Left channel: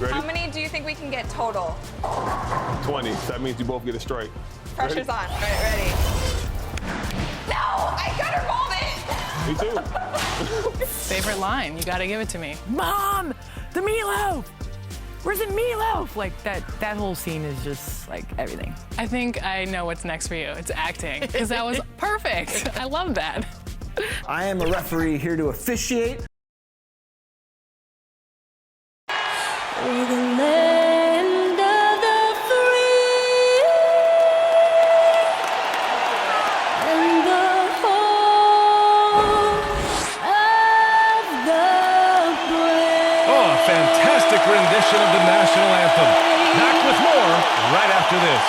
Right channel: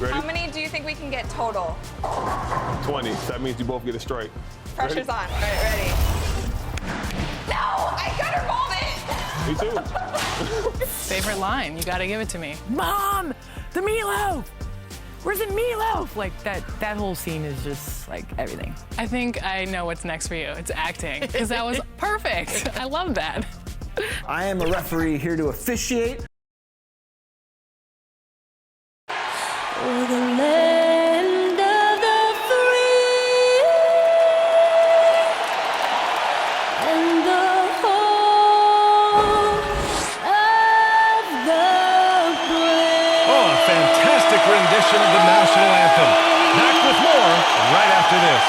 Ready? How many do you think we can get total? 20. That means you both get a strike. Pressure's Ready? on. All right, ready. No, I gutter rolled it. Me too. Favorite line, you gotta give it to me. Mom, the meatloaf! Where's the meatloaf? Like that whole scene is just like everything. I think I know what's next for you. It's acting, because that was perfect. I love that. I am a referee here to officiate. For the land of the free and the home of the brave. Oh, a fantastic rendition of the national anthem. Back with more right after this.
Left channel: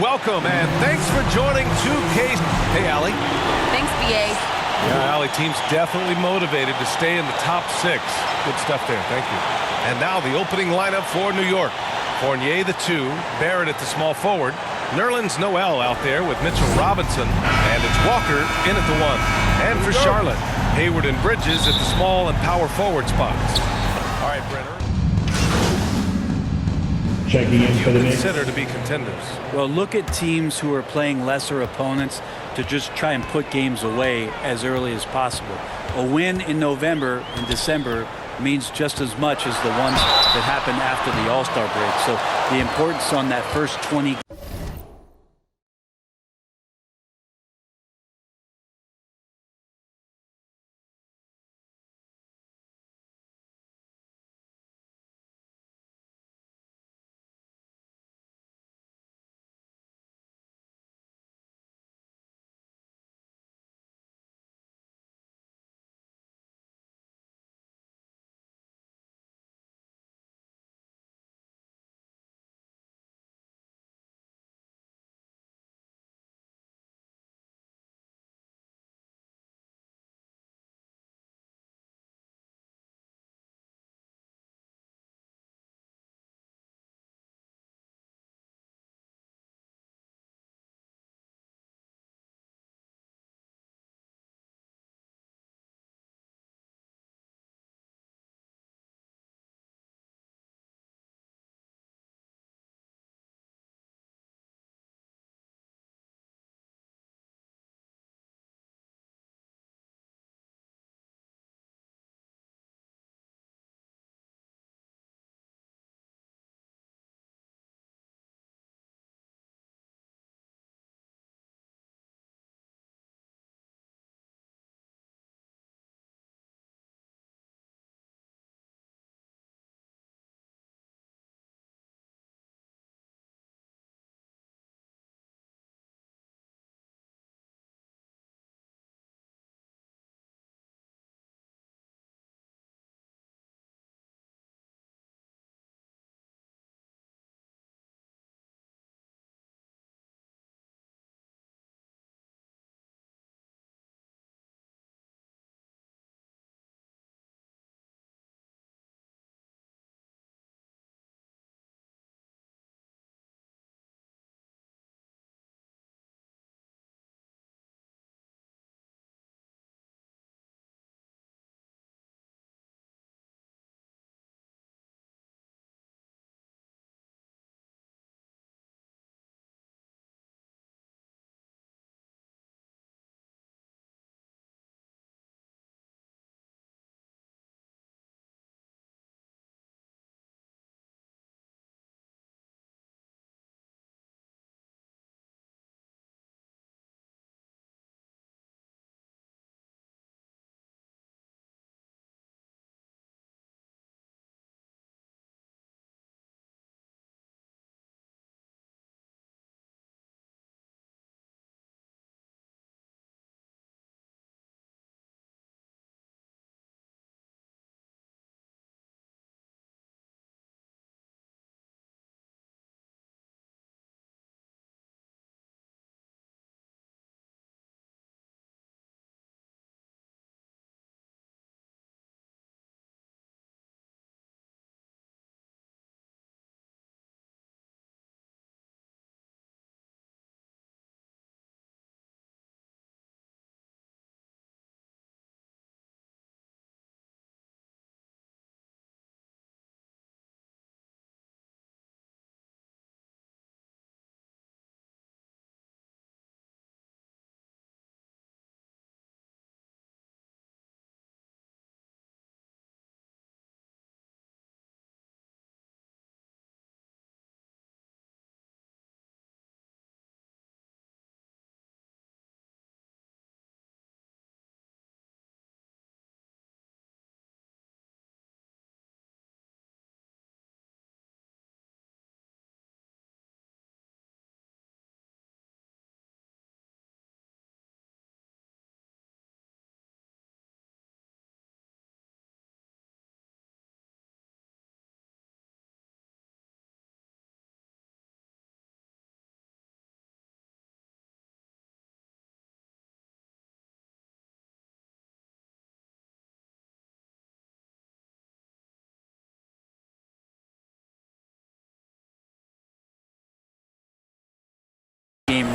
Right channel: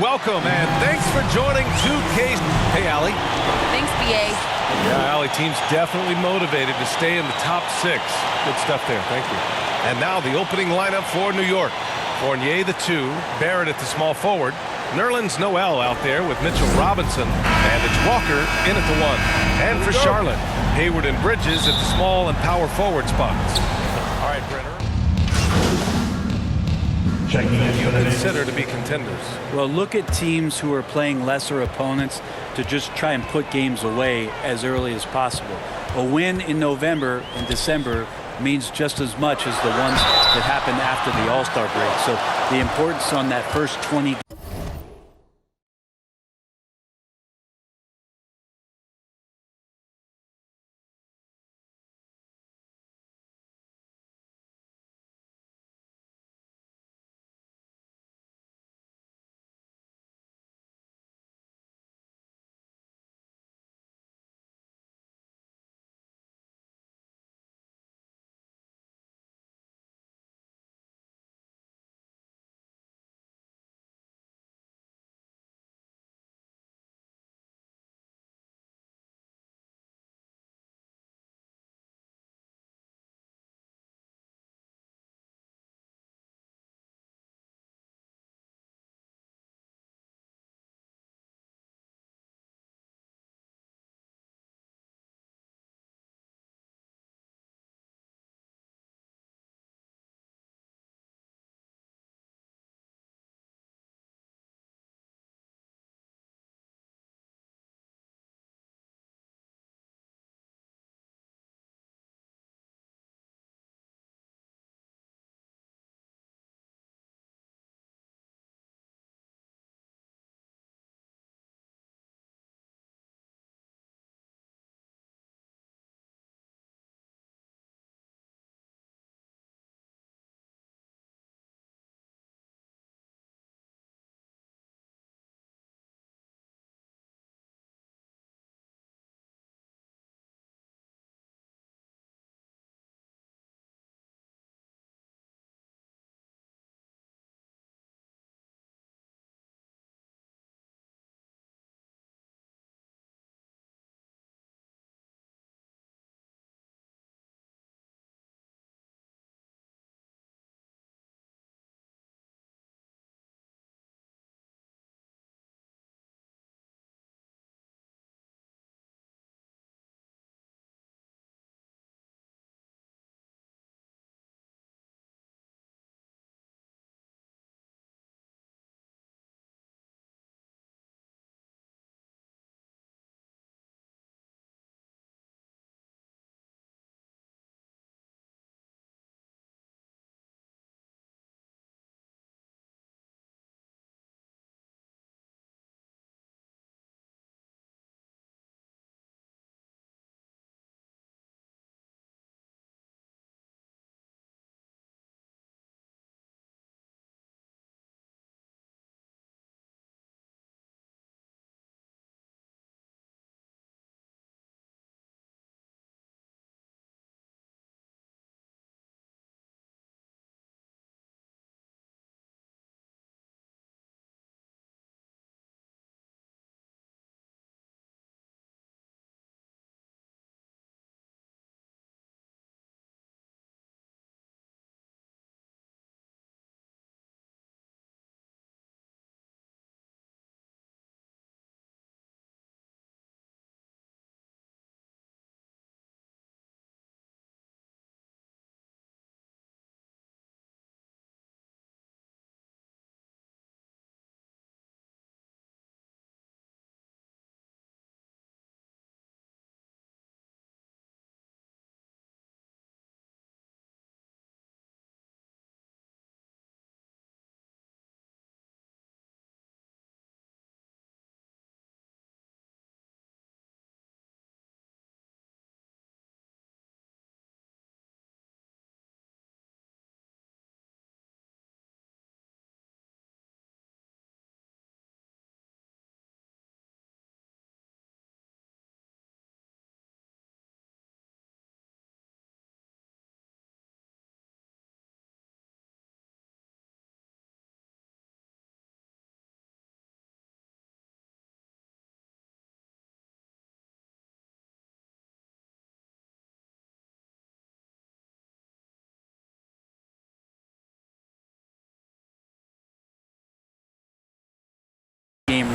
Welcome and thanks for joining 2K. Hey, Allie. Thanks, BA. Yeah, Allie, team's definitely motivated to stay in the top 6. Good stuff there. Thank you. And now the opening lineup for New York. Fournier, the 2. Barrett at the small forward. Nerlens Noel out there with Mitchell Robinson. And it's Walker in at the 1. And for Charlotte, Hayward and Bridges at the small and power forward spots. All right, Brenner. Checking in You for the Knicks. consider to be contenders. Well, look at teams who are playing lesser opponents to just try and put games away as early as possible. A win in November and December means just as much as the ones that happen after the All-Star break. So the importance on that first 20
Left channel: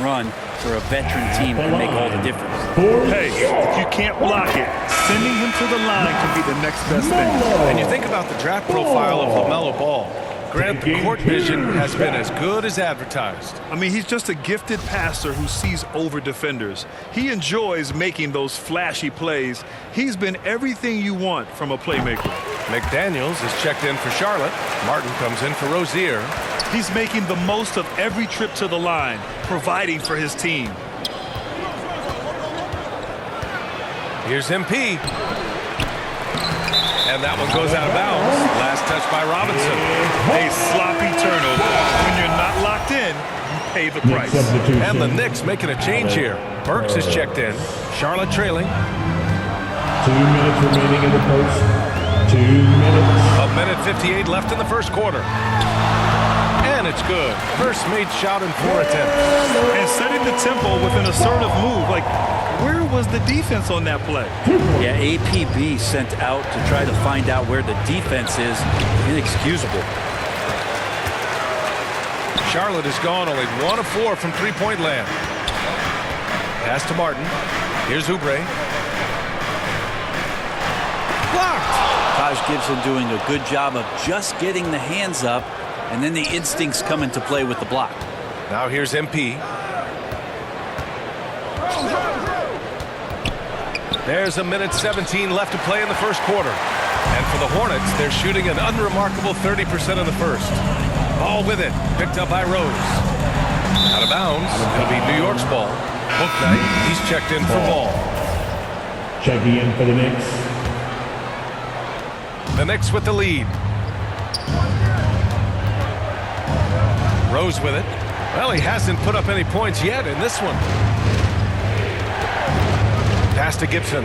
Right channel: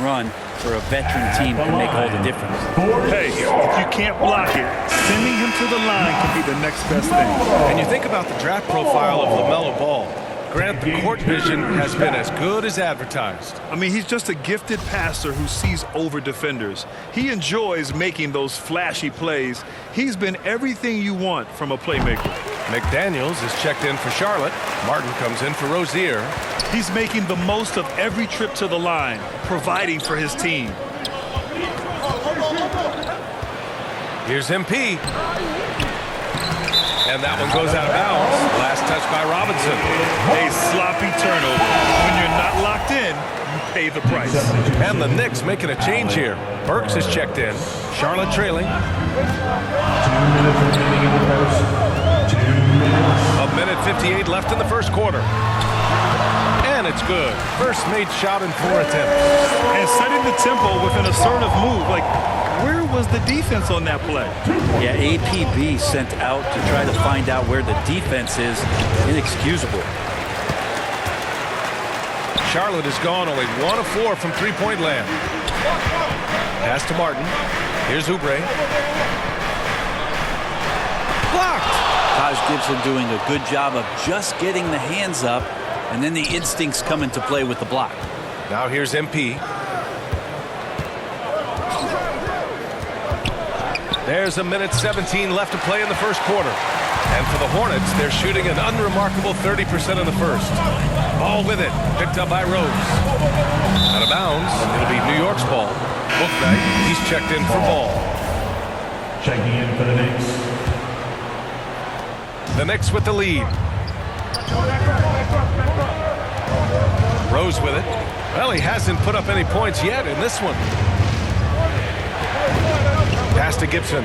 run for a veteran team can make all the difference. Hey, if you can't block it, sending him to the line can be the next best thing. And you think about the draft profile of LaMelo Ball. Grant, the court vision has been as good as advertised. I mean, he's just a gifted passer who sees over defenders. He enjoys making those flashy plays. He's been everything you want from a playmaker. McDaniels is checked in for Charlotte. Martin comes in for Rozier. He's making the most of every trip to the line, providing for his team. Here's MP. And that one goes out of bounds. Last touch by Robinson. A sloppy turnover. When you're not locked in, you pay the price. And the Knicks making a change here. Burks is checked in. Charlotte trailing. 2 minutes remaining in the first. 2 minutes. A minute 58 left in the first quarter. And it's good. First made shot in 4 attempts. And setting the tempo with an assertive move. Like, where was the defense on that play? Yeah, APB sent out to try to find out where the defense is. Inexcusable. Charlotte has gone only 1 of 4 from three-point land. Pass to Martin. Here's Oubre. Blocked. Taj Gibson doing a good job of just getting the hands up, and then the instincts come into play with the block. Now here's MP. There's a minute 17 left to play in the first quarter. And for the Hornets, they're shooting an unremarkable 30% in the first. Ball with it. Picked up by Rose. Out of bounds. It'll be New York's ball. Bouknight, he's checked in for Ball. Checking in for the Knicks. The Knicks with the lead. Rose with it. Well, he hasn't put up any points yet in this one. Pass to Gibson.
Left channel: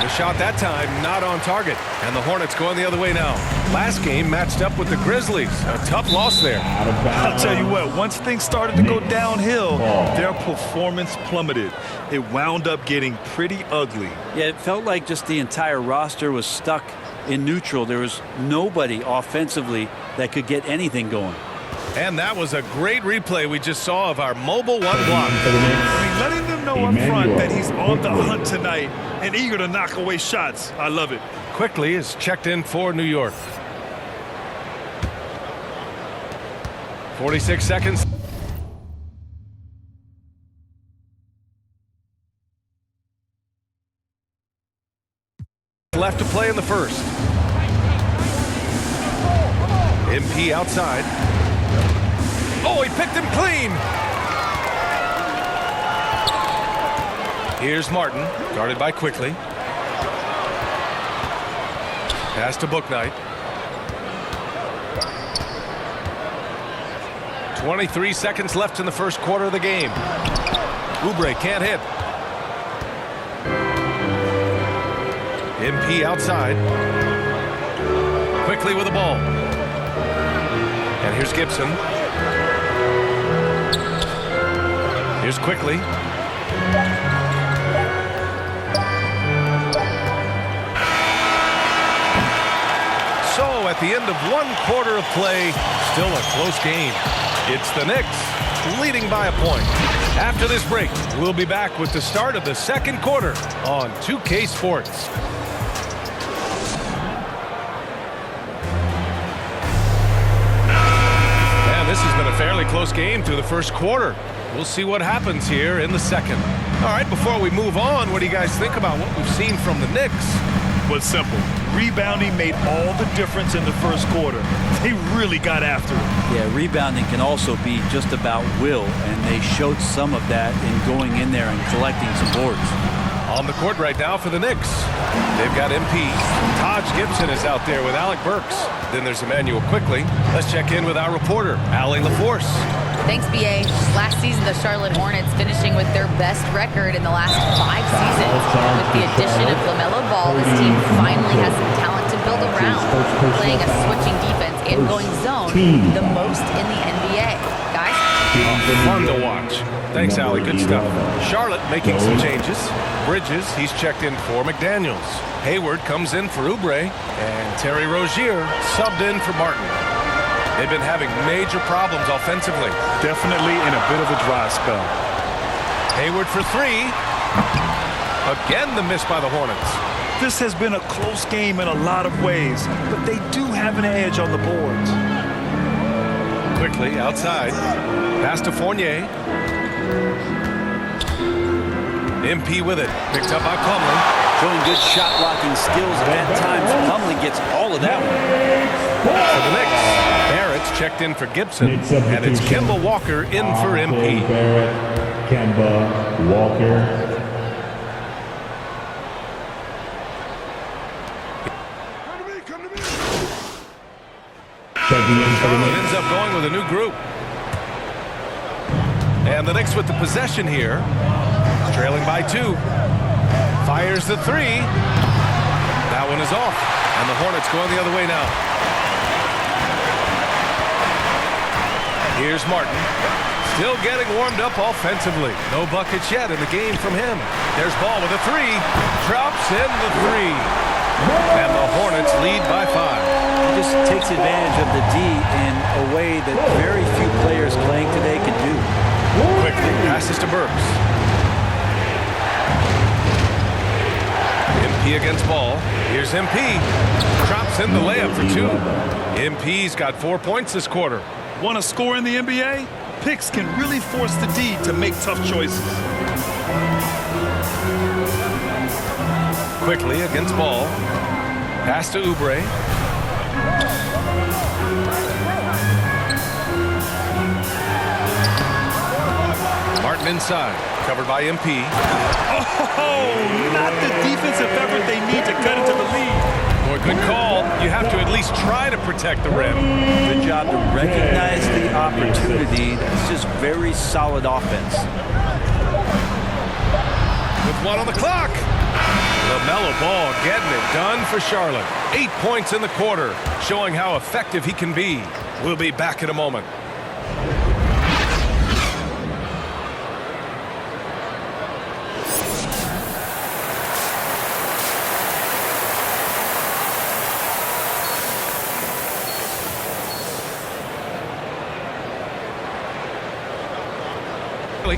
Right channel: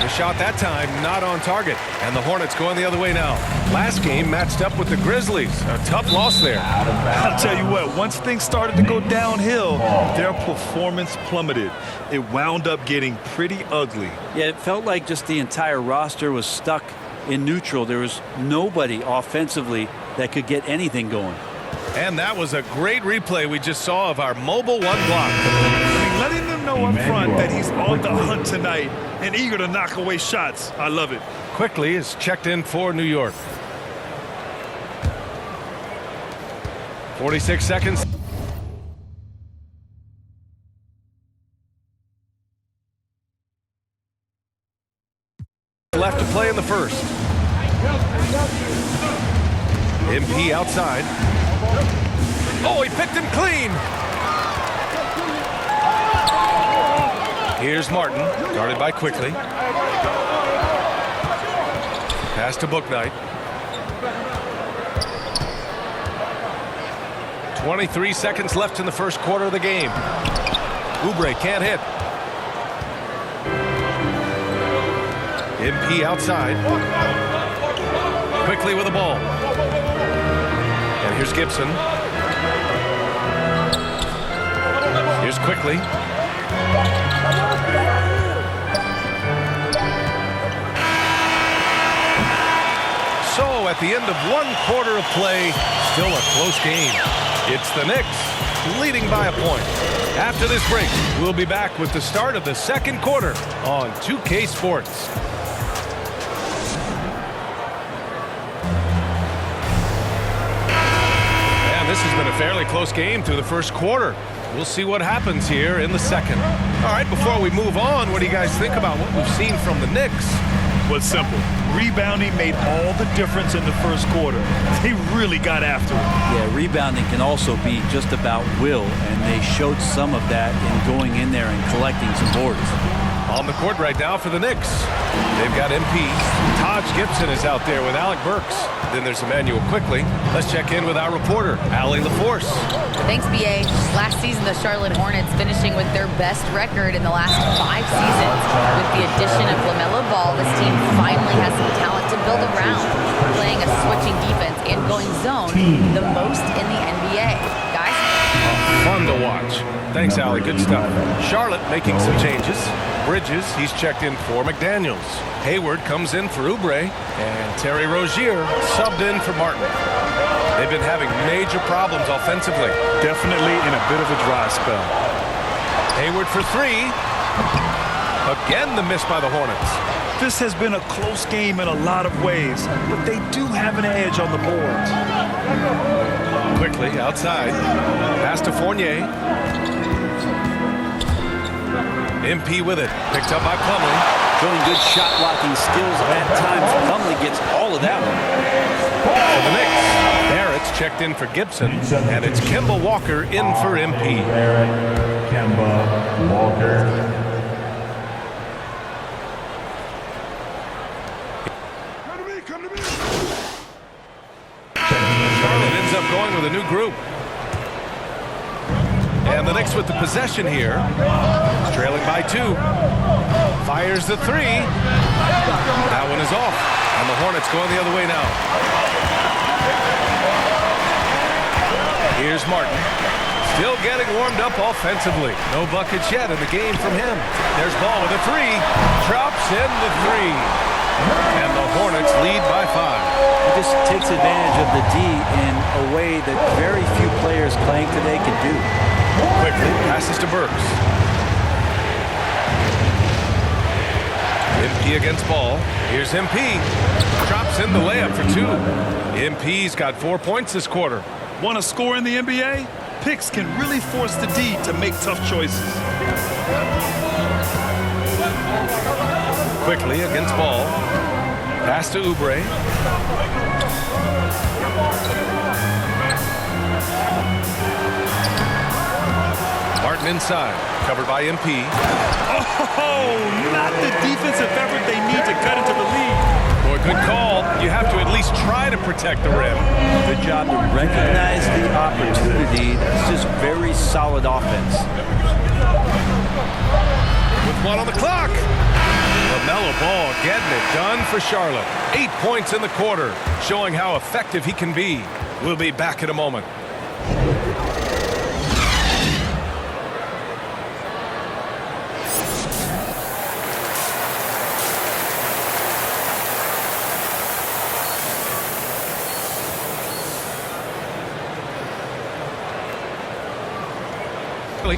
The shot that time not on target. And the Hornets going the other way now. Last game matched up with the Grizzlies. A tough loss there. I'll tell you what, once things started to go downhill, their performance plummeted. It wound up getting pretty ugly. Yeah, it felt like just the entire roster was stuck in neutral. There was nobody offensively that could get anything going. And that was a great replay we just saw of our mobile one block. I mean, letting them know up front that he's on the hunt tonight and eager to knock away shots. I love it. Quickly is checked in for New York. 46 seconds. Left to play in the first. MP outside. Oh, he picked him clean. Here's Martin, guarded by Quickly. Pass to Bouknight. 23 seconds left in the first quarter of the game. Oubre can't hit. MP outside. Quickly with the ball. And here's Gibson. Here's Quickly. So at the end of 1 quarter of play, still a close game. It's the Knicks leading by a point. After this break, we'll be back with the start of the second quarter on 2K Sports. And this has been a fairly close game through the first quarter. We'll see what happens here in the second. All right, before we move on, what do you guys think about what we've seen from the Knicks? Was simple. Rebounding made all the difference in the first quarter. They really got after it. Yeah, rebounding can also be just about will, and they showed some of that in going in there and collecting some boards. On the court right now for the Knicks, they've got MP. Taj Gibson is out there with Alec Burks. Then there's Emmanuel Quickly. Let's check in with our reporter, Allie LaForce. Thanks, B.A. Last season, the Charlotte Hornets finishing with their best record in the last 5 seasons. With the addition of LaMelo Ball, this team finally has some talent to build around, playing a switching defense and going zone the most in the NBA. Guys? Fun to watch. Thanks, Allie. Good stuff. Charlotte making some changes. Bridges, he's checked in for McDaniels. Hayward comes in for Oubre. And Terry Rozier subbed in for Martin. They've been having major problems offensively. Definitely in a bit of a dry spell. Hayward for three. Again, the miss by the Hornets. This has been a close game in a lot of ways, but they do have an edge on the boards. Quickly outside. Pass to Fournier. MP with it. Picked up by Plumlee. Showing good shot blocking skills at times. Plumlee gets all of that one. For the Knicks, Barrett's checked in for Gibson, and it's Kemba Walker in for MP. Barrett, Kemba, Walker. Charlotte ends up going with a new group. And the Knicks with the possession here. Trailing by 2. Fires the 3. That one is off. And the Hornets going the other way now. Here's Martin. Still getting warmed up offensively. No buckets yet in the game from him. There's Ball with a 3. Drops in the 3. And the Hornets lead by 5. He just takes advantage of the D in a way that very few players playing today can do. Quickly passes to Burks. MP against Ball. Here's MP. Drops in the layup for 2. MP's got 4 points this quarter. Want to score in the NBA? Picks can really force the D to make tough choices. Quickly against Ball. Pass to Oubre. Martin inside. Covered by MP. Oh, not the defensive effort they need to cut into the lead. Boy, good call. You have to at least try to protect the rim. Good job to recognize the opportunity. That's just very solid offense. With 1 on the clock. LaMelo Ball getting it done for Charlotte. 8 points in the quarter, showing how effective he can be. We'll be back in a moment.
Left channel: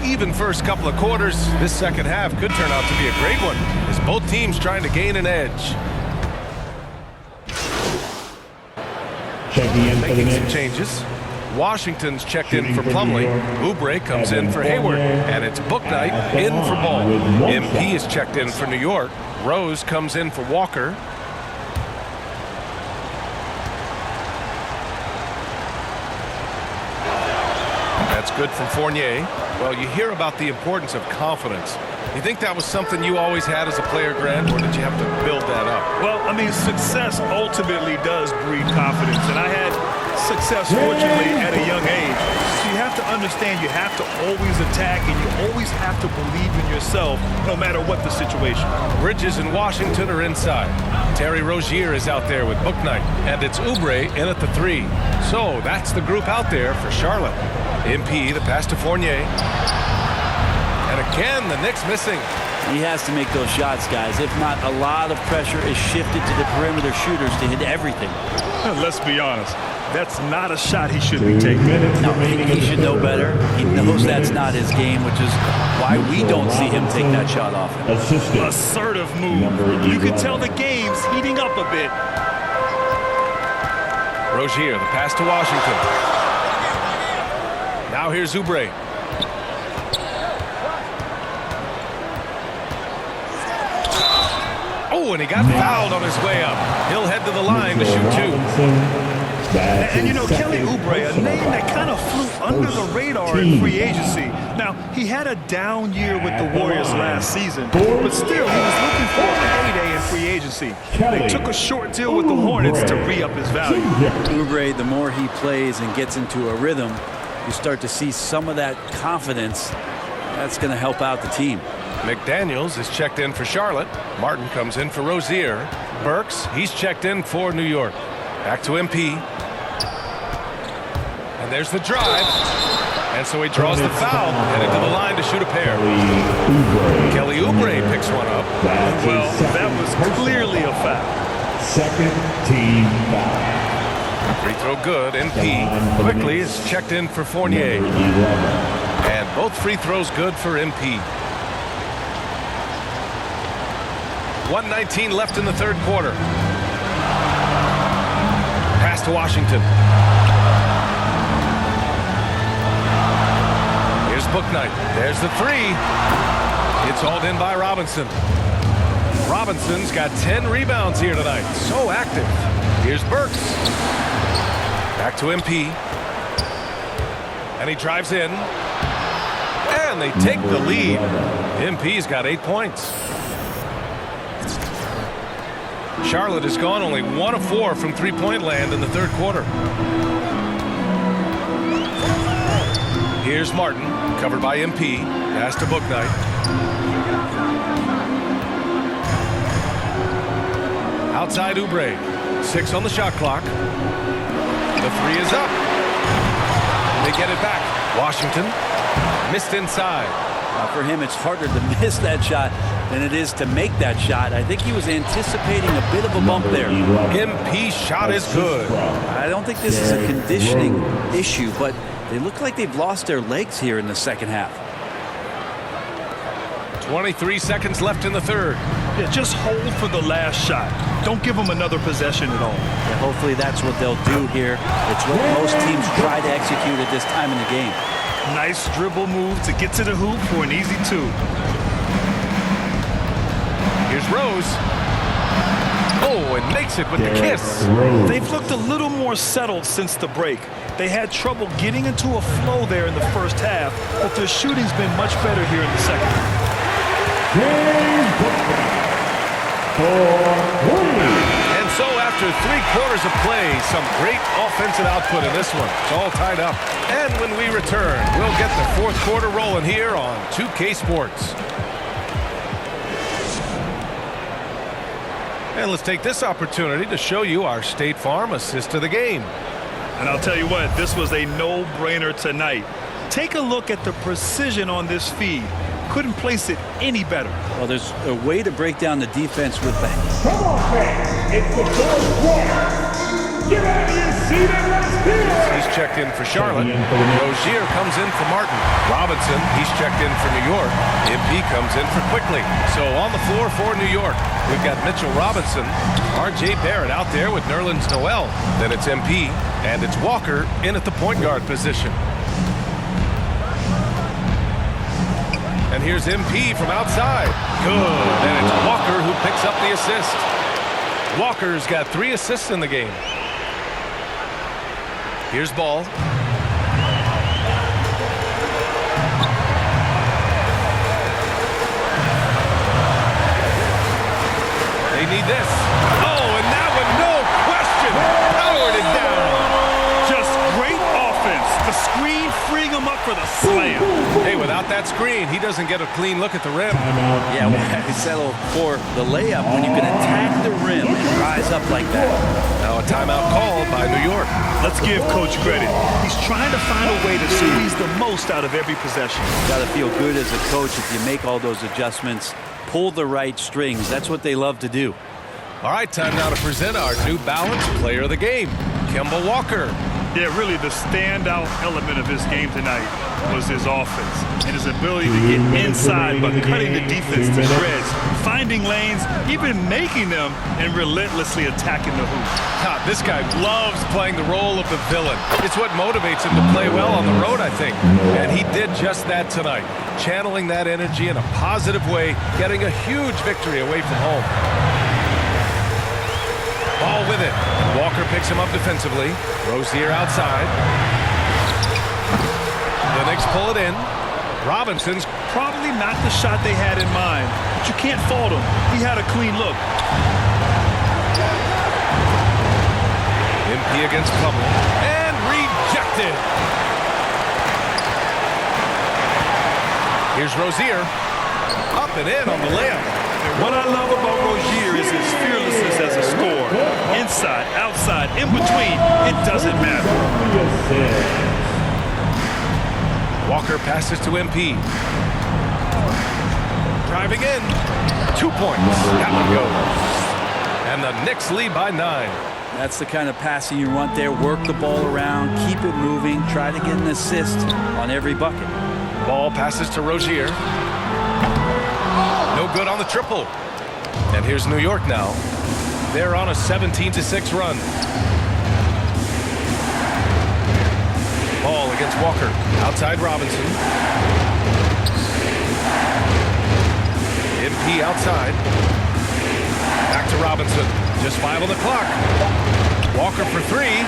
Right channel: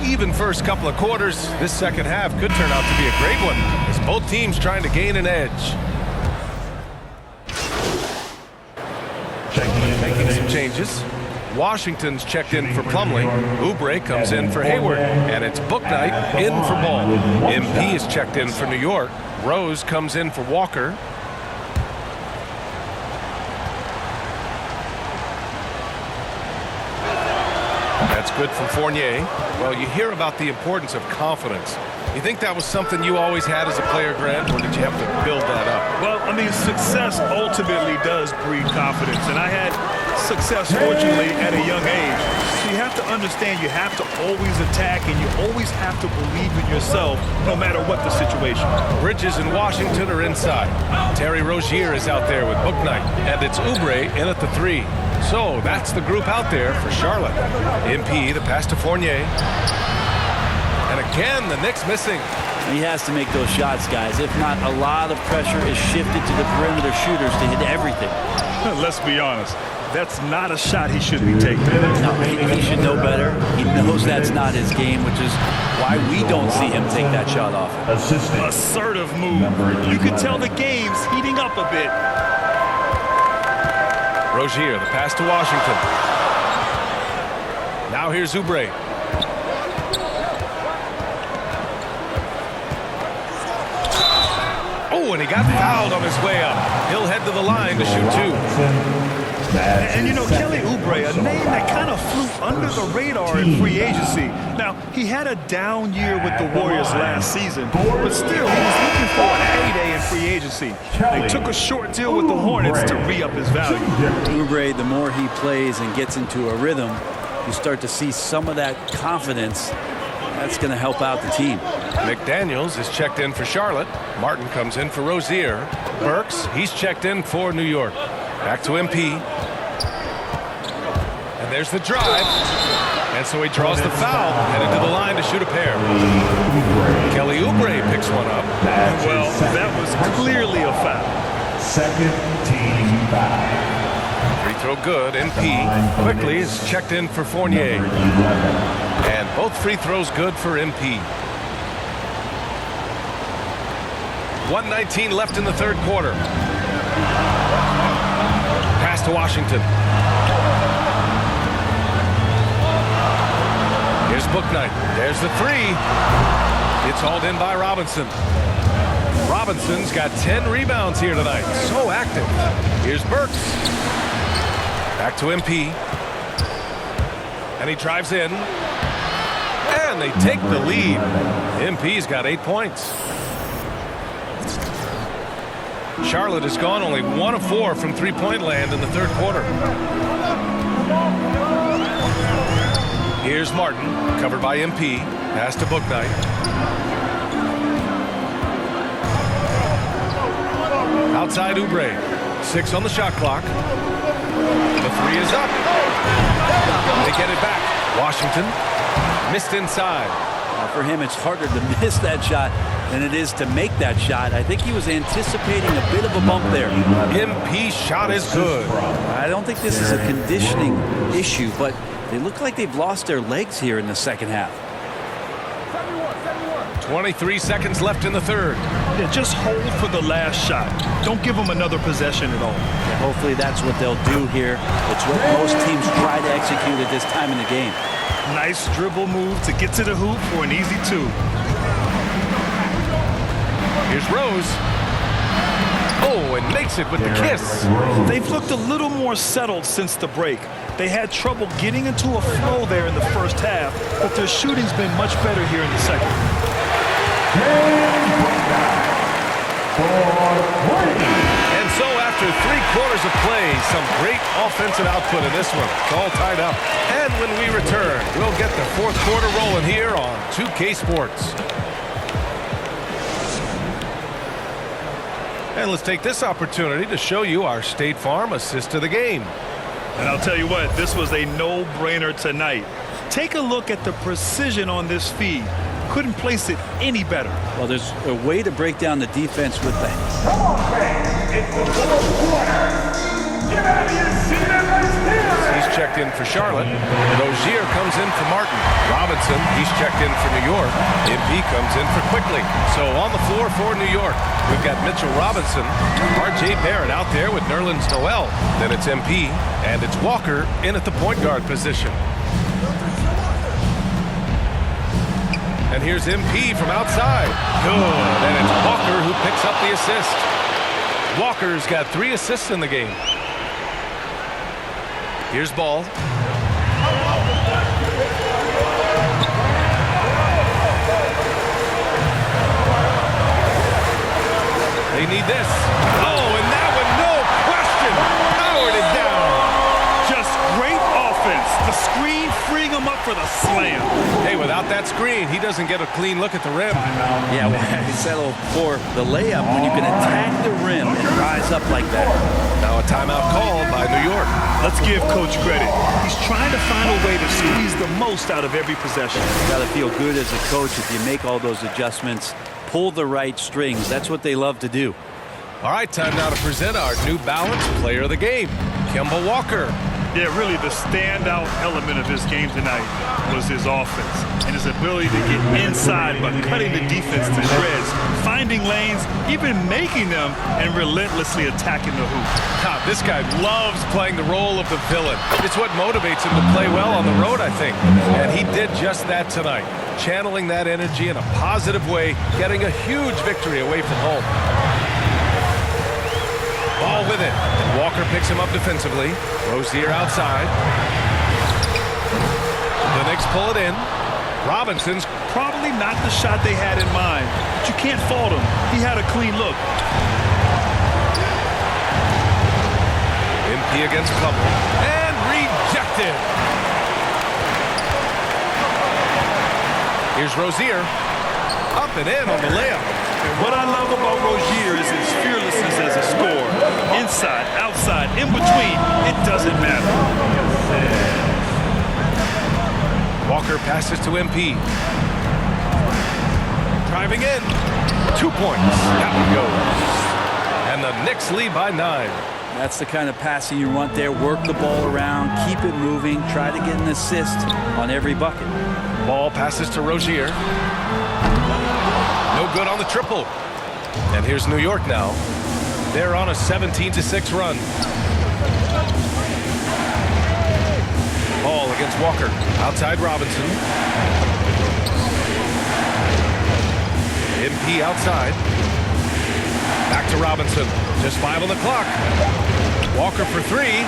Even first couple of quarters, this second half could turn out to be a great one as both teams trying to gain an edge. Making some changes. Washington's checked in for Plumlee. Oubre comes in for Hayward, and it's Bouknight in for Ball. MP is checked in for New York. Rose comes in for Walker. That's good from Fournier. Well, you hear about the importance of confidence. You think that was something you always had as a player, Grant, or did you have to build that up? Well, I mean, success ultimately does breed confidence, and I had success, fortunately, at a young age. So you have to understand you have to always attack, and you always have to believe in yourself, no matter what the situation. Bridges and Washington are inside. Terry Rozier is out there with Bouknight, and it's Oubre in at the 3. So that's the group out there for Charlotte. MP, the pass to Fournier. And again, the Knicks missing. He has to make those shots, guys. If not, a lot of pressure is shifted to the perimeter shooters to hit everything. Let's be honest. That's not a shot he should be taking. No, he should know better. He knows that's not his game, which is why we don't see him take that shot often. Assertive move. You can tell the game's heating up a bit. Rozier, the pass to Washington. Now here's Oubre. Oh, and he got fouled on his way up. He'll head to the line to shoot 2. And you know, Kelly Oubre, a name that kind of flew under the radar in free agency. Now, he had a down year with the Warriors last season, but still, he was looking for a heyday in free agency. They took a short deal with the Hornets to re-up his value. Oubre, the more he plays and gets into a rhythm, you start to see some of that confidence. That's going to help out the team. McDaniels is checked in for Charlotte. Martin comes in for Rozier. Burks, he's checked in for New York. Back to MP. And there's the drive. And so he draws the foul, headed to the line to shoot a pair. Kelly Oubre picks one up. Well, that was clearly a foul. Second team foul. Free throw good. MP quickly is checked in for Fournier. And both free throws good for MP. 1:19 left in the third quarter. Pass to Washington. Here's Bouknight. There's the three. It's hauled in by Robinson. Robinson's got 10 rebounds here tonight. So active. Here's Burks. Back to MP. And he drives in. And they take the lead. MP's got 8 points. Charlotte has gone only 1 of 4 from three-point land in the third quarter. Here's Martin, covered by MP. Pass to Bouknight. Outside Oubre. 6 on the shot clock. The three is up. They get it back. Washington missed inside. For him, it's harder to miss that shot than it is to make that shot. I think he was anticipating a bit of a bump there. MP shot is good. I don't think this is a conditioning issue, but they look like they've lost their legs here in the second half. 23 seconds left in the third. Yeah, just hold for the last shot. Don't give them another possession at all. Yeah, hopefully that's what they'll do here. It's what most teams try to execute at this time in the game. Nice dribble move to get to the hoop for an easy 2. Here's Rose. Oh, and makes it with the kiss. They've looked a little more settled since the break. They had trouble getting into a flow there in the first half, but their shooting's been much better here in the second. And so after 3 quarters of play, some great offensive output in this one. It's all tied up. And when we return, we'll get the fourth quarter rolling here on 2K Sports. And let's take this opportunity to show you our State Farm assist of the game. And I'll tell you what, this was a no-brainer tonight. Take a look at the precision on this feed. Couldn't place it any better. Well, there's a way to break down the defense with the... Come on, fans. It's the fourth quarter. Get out of your seat and let's hear it. He's checked in for Charlotte. Rozier comes in for Martin. Robinson, he's checked in for New York. MP comes in for Quickly. So on the floor for New York, we've got Mitchell Robinson, R.J. Barrett out there with Nerlens Noel. Then it's MP, and it's Walker in at the point guard position. And here's MP from outside. Good. And it's Walker who picks up the assist. Walker's got 3 assists in the game. Here's Ball. They need this. Oh, and that one, no question, powered it down. Just great offense. The screen freeing him up for the slam. Hey, without that screen, he doesn't get a clean look at the rim. Yeah, why settle for the layup when you can attack the rim and rise up like that? Now a timeout called by New York. Let's give Coach credit. He's trying to find a way to squeeze the most out of every possession. You got to feel good as a coach if you make all those adjustments, pull the right strings. That's what they love to do. All right, time now to present our New Balance Player of the Game, Kemba Walker. Yeah, really the standout element of his game tonight was his offense and his ability to get inside but cutting the defense to shreds, finding lanes, even making them, and relentlessly attacking the hoop. This guy loves playing the role of the villain. It's what motivates him to play well on the road, I think. And he did just that tonight, channeling that energy in a positive way, getting a huge victory away from home. Ball with it, and Walker picks him up defensively. Rozier outside. The Knicks pull it in. Robinson's probably not the shot they had in mind, but you can't fault him. He had a clean look. MP against Plumlee, and rejected. Here's Rozier, up and in on the layup. And what I love about Rozier is his fearlessness as a scorer. Inside, outside, in between, it doesn't matter. Walker passes to MP. Driving in. 2 points. That one goes. And the Knicks lead by 9. That's the kind of passing you want there. Work the ball around, keep it moving, try to get an assist on every bucket. Ball passes to Rozier. No good on the triple. And here's New York now. They're on a 17-6 run. Ball against Walker. Outside Robinson. MP outside. Back to Robinson. Just 5 on the clock. Walker for 3.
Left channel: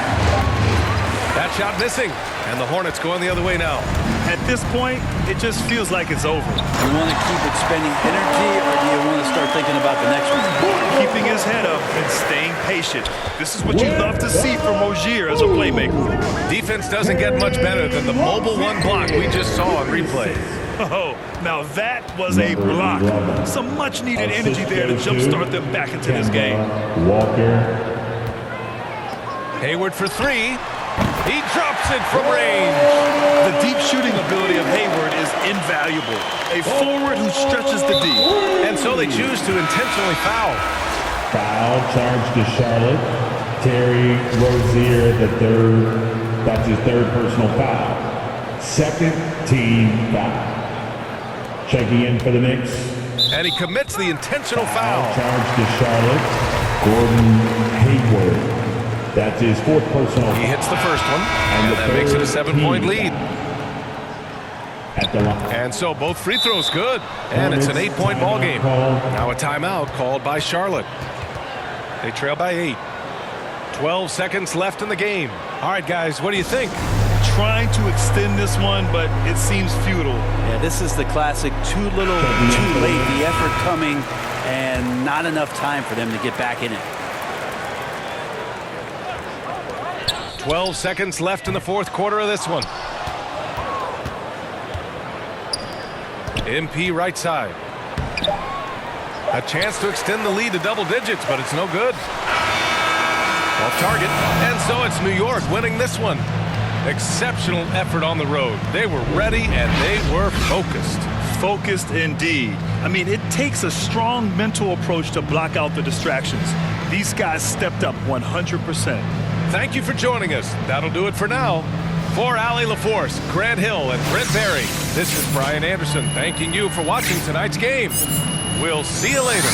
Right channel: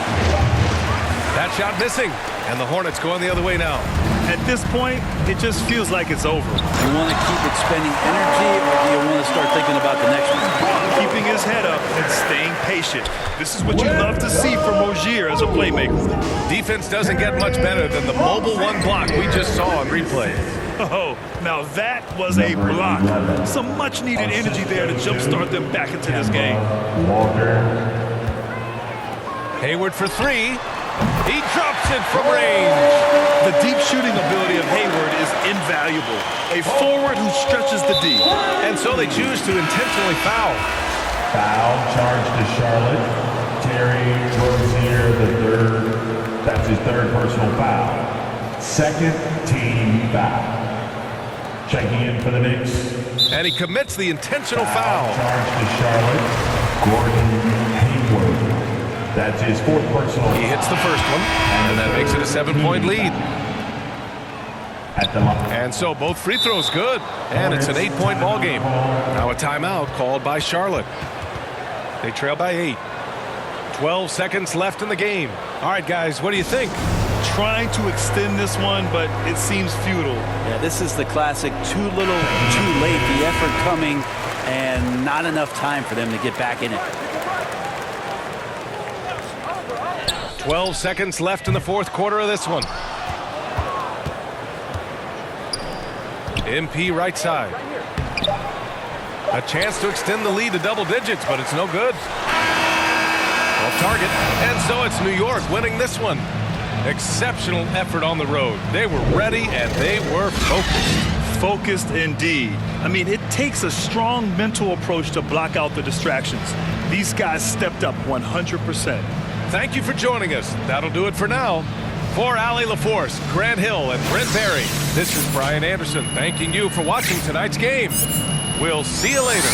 That shot missing. And the Hornets going the other way now. At this point, it just feels like it's over. Do you want to keep expending energy, or do you want to start thinking about the next one? Keeping his head up and staying patient. This is what you love to see from Rozier as a playmaker. Defense doesn't get much better than the mobile one block we just saw on replay. Oh, now that was a block. Some much-needed energy there to jumpstart them back into this game. Walker. Hayward for 3. He drops it from range. The deep shooting ability of Hayward is invaluable. A forward who stretches the D. And so they choose to intentionally foul. Foul charge to Charlotte. Terry Rozier, the third. That's his third personal foul. Second team foul. Checking in for the Knicks. And he commits the intentional foul. Charge to Charlotte. Gordon Hayward. That's his fourth personal. He hits the first one, and that makes it a 7-point lead. At the line. And so both free throws good, and it's an 8-point ball game. Now a timeout called by Charlotte. They trail by 8. 12 seconds left in the game. All right, guys, what do you think? Trying to extend this one, but it seems futile. Yeah, this is the classic too little, too late. The effort coming, and not enough time for them to get back in it. 12 seconds left in the fourth quarter of this one. MP right side. A chance to extend the lead to double digits, but it's no good. Off target. And so it's New York winning this one. Exceptional effort on the road. They were ready and they were focused. Focused indeed. I mean, it takes a strong mental approach to block out the distractions. These guys stepped up 100%. Thank you for joining us. That'll do it for now. For Allie LaForce, Grant Hill, and Brent Barry, this is Brian Anderson thanking you for watching tonight's game. We'll see you later.